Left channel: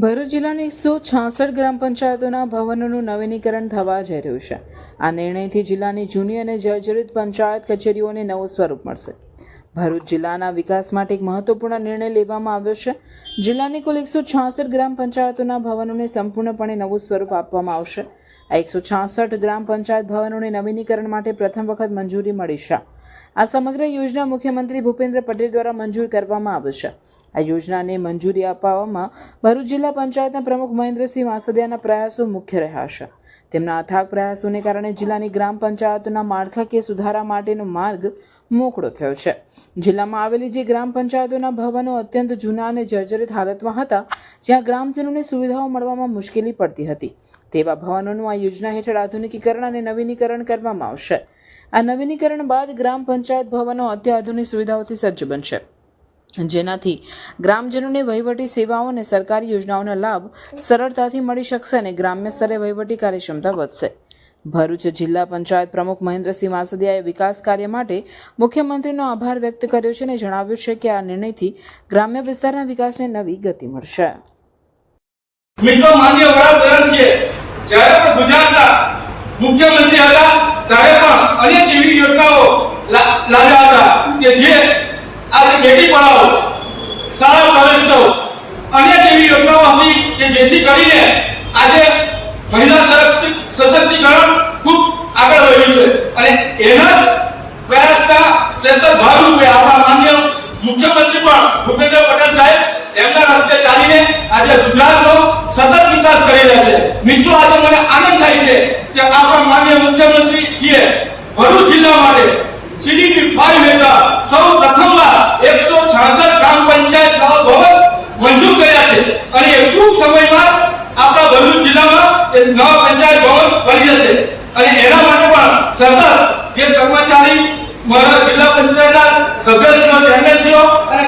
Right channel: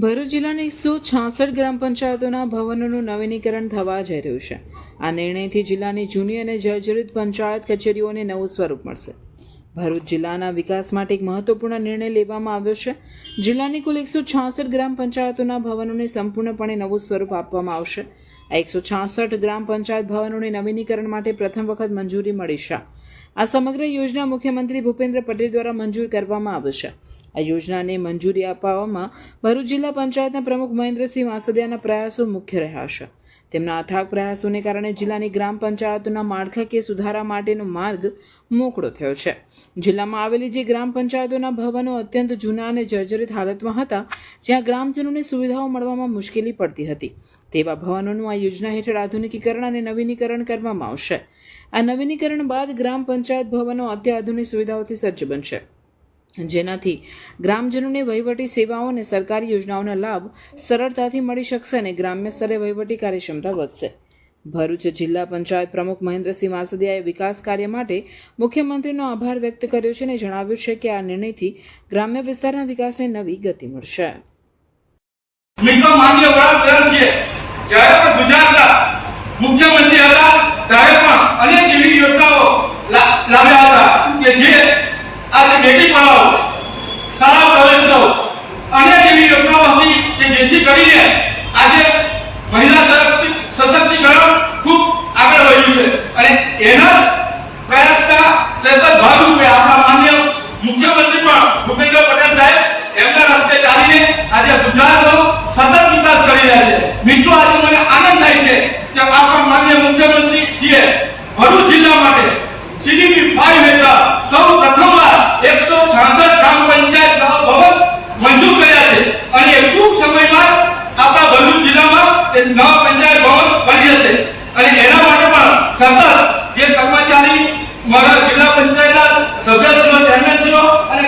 ભરૂચ જિલ્લાની એકસો છાસઠ ગ્રામ પંચાયતોના ભવનોનું નવીનીકરણ થવા જઈ રહ્યું છે. આ નિર્ણયથી જિલ્લાની જૂની અને જર્જરિત પંચાયત કચેરીઓને નવું સ્વરૂપ મળશે. ભરૂચ જિલ્લાના વિકાસ માટે એક મહત્વપૂર્ણ નિર્ણય લેવામાં આવ્યો છે. જિલ્લાની કુલ એકસો છાસઠ ગ્રામ પંચાયતોના ભવનોને સંપૂર્ણપણે નવું સ્વરૂપ આપવામાં આવશે. આ એકસો છાસઠ ગ્રામ પંચાયત ભવનોને નવીનીકરણ માટે પ્રથમ વખત મંજૂરી મળી છે. આ સમગ્ર યોજના મુખ્યમંત્રી ભૂપેન્દ્ર પટેલ દ્વારા મંજૂર કરવામાં આવી છે. આ યોજનાને મંજૂરી અપાવવામાં ભરૂચ જિલ્લા પંચાયતના પ્રમુખ મહેન્દ્રસિંહ વાસદિયાના પ્રયાસો મુખ્ય રહ્યા છે. તેમના અથાગ પ્રયાસોને કારણે જિલ્લાની ગ્રામ પંચાયતોના માળખાકીય સુધારા માટેનો માર્ગ મોકળો થયો છે. જિલ્લામાં આવેલી જે ગ્રામ પંચાયતોના ભવનો અત્યંત જૂના અને જર્જરિત હાલતમાં હતા, જ્યાં ગ્રામજનોને સુવિધાઓ મળવામાં મુશ્કેલી પડતી હતી, તેવા ભવનોનું આ યોજના હેઠળ આધુનિકીકરણ અને નવીનીકરણ કરવામાં આવશે. આ નવીનીકરણ બાદ ગ્રામ પંચાયત ભવનો અત્યાધુનિક સુવિધાઓથી સજ્જ બનશે. જેનાથી ગ્રામજનોને વહીવટી સેવાઓ અને સરકારી યોજનાઓનો લાભ સરળતાથી મળી શકશે અને ગ્રામ્ય સ્તરે વહીવટી કાર્યક્ષમતા વધશે. ભરૂચ જિલ્લા પંચાયત પ્રમુખ મહેન્દ્રસિંહ વાસદિયાએ વિકાસ કાર્ય માટે મુખ્યમંત્રીનો આભાર વ્યક્ત કર્યો છે અને જણાવ્યું છે કે આ નિર્ણયથી ગ્રામ્ય વિસ્તારના વિકાસને નવી ગતિ મળશે. મિત્રો, માન્ય વડાપ્રધાન જ્યારે પણ ગુજરાતના મુખ્યમંત્રી હતા, ત્યારે પણ અનેક એવી યોજનાઓ લાવ્યા હતા કે જે આજે બેટી પઢાઓ શાળા કોલેજો અનેક એવી યોજનાઓ હતી કે જેથી કરીને આજે મહિલા સશક્તિ- સશક્તિકરણ ખૂબ આગળ વધ્યું છે અને એના પ્રયાસના સતત ભાગરૂપે આપણા માન્ય મુખ્યમંત્રી પણ ભૂપેન્દ્ર પટેલ સાહેબ એમના રસ્તે ચાલીને આજે ગુજરાતનો સતત વિકાસ કરી રહ્યા છે. મિત્રો, આજે મને આનંદ થાય છે કે આપણા માન્ય મુખ્યમંત્રી છીએ. ભરૂચ જિલ્લા માટે સીડીપી ફાઈવ હેઠળ સૌ પ્રથમવાર 166 ગ્રામ પંચાયત ભવન મંજૂર કર્યા છે. અને એ ટૂંક સમયમાં આપણા ભરૂચ જિલ્લામાં એ નવા પંચાયત ભવન બની જશે. અને એના માટે પણ સતત જે કર્મચારી જિલ્લા પંચાયતના સભ્યશ્રીઓ એમએલસીઓ અને